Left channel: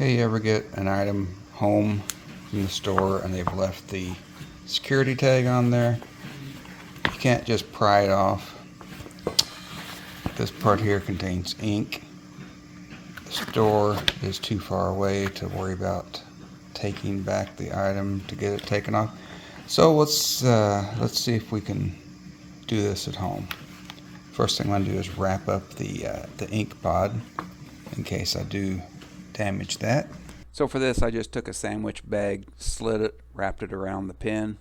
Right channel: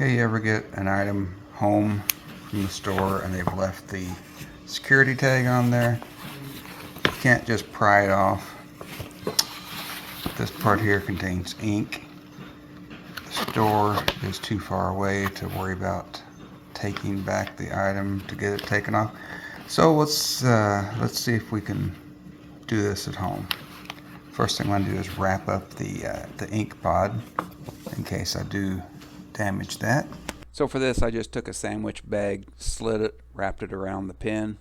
Okay, you ever get an item home from the store and they've left the security tag on there? You can't just pry it off. This part here contains ink. The store is too far away to worry about taking back the item to get it taken off. So let's see if we can do this at home. First thing I'm going to do is wrap up the ink pod in case I do damage that. So for this, I just took a sandwich bag, slit it, wrapped it around the pin.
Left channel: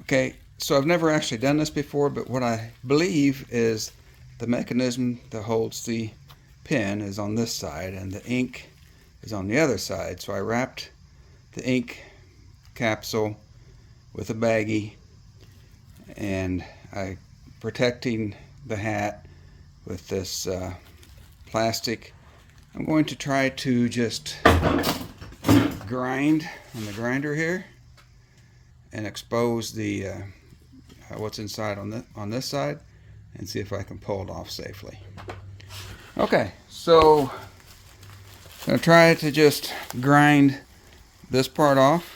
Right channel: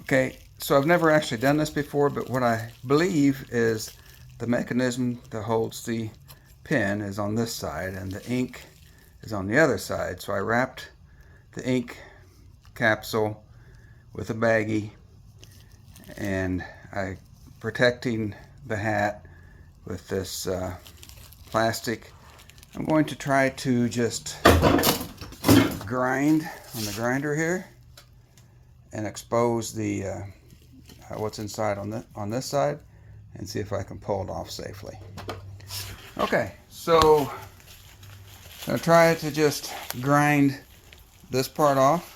Okay, so I've never actually done this before, but what I believe is the mechanism that holds the pin is on this side and the ink is on the other side. So I wrapped the ink capsule with a baggie and I protecting the hat with this plastic. I'm going to try to just grind on the grinder here and expose the what's inside on this side and see if I can pull it off safely. Okay, so I'm going to try to just grind this part off.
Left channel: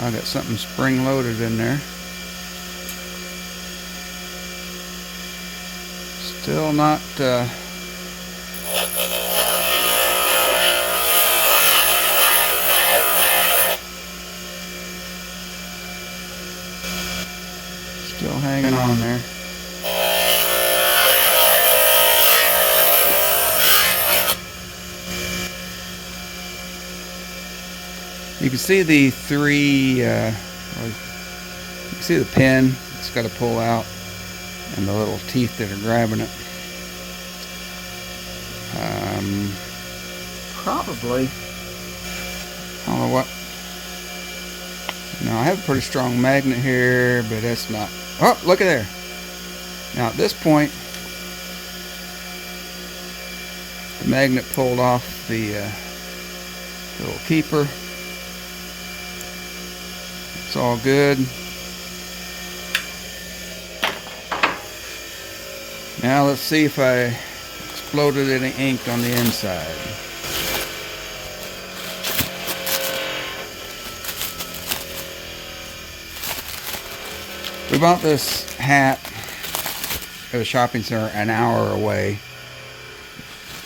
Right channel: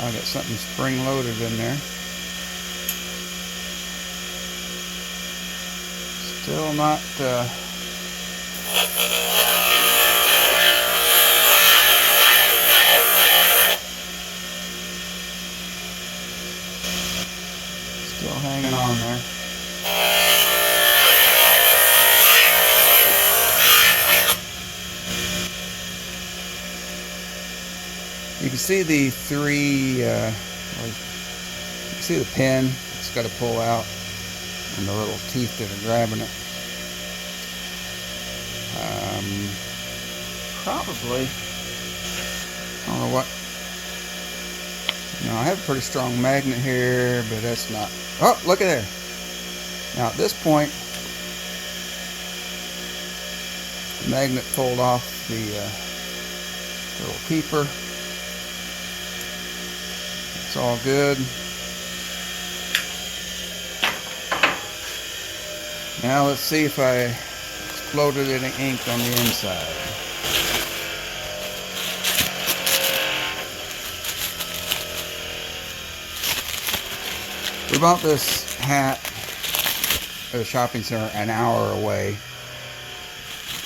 I got something spring loaded in there. Still not still hanging on there. You can see the you can see the pin it's got to pull out and the little teeth that are grabbing it. Probably, I don't know what. Now I have a pretty strong magnet here, but that's not. Oh, look at there. Now at this point, the magnet pulled off the little keeper. It's all good. Now let's see if I exploded any ink on the inside. We bought this hat at a shopping center an hour away.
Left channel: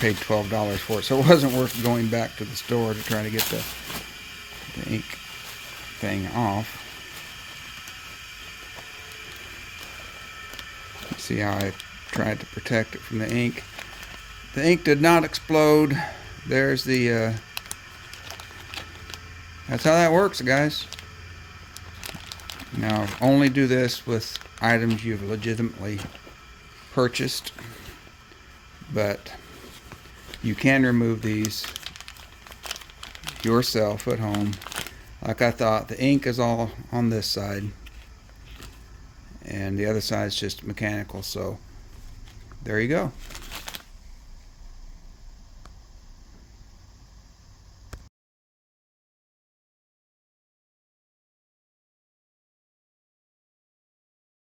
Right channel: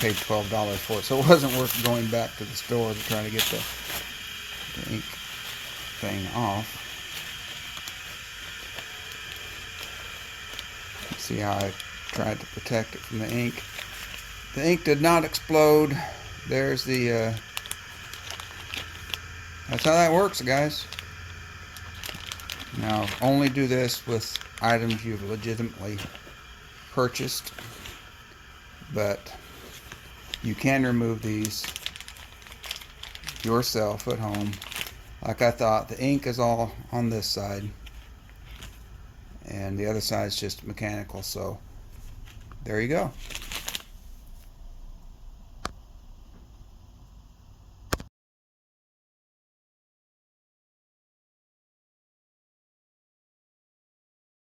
Paid $12 for it, so it wasn't worth going back to the store to try to get the ink thing off. See how I tried to protect it from the ink. The ink did not explode. There's the that's how that works, guys. Now only do this with items you've legitimately purchased, but you can remove these yourself at home. Like I thought, the ink is all on this side and the other side is just mechanical, so there you go.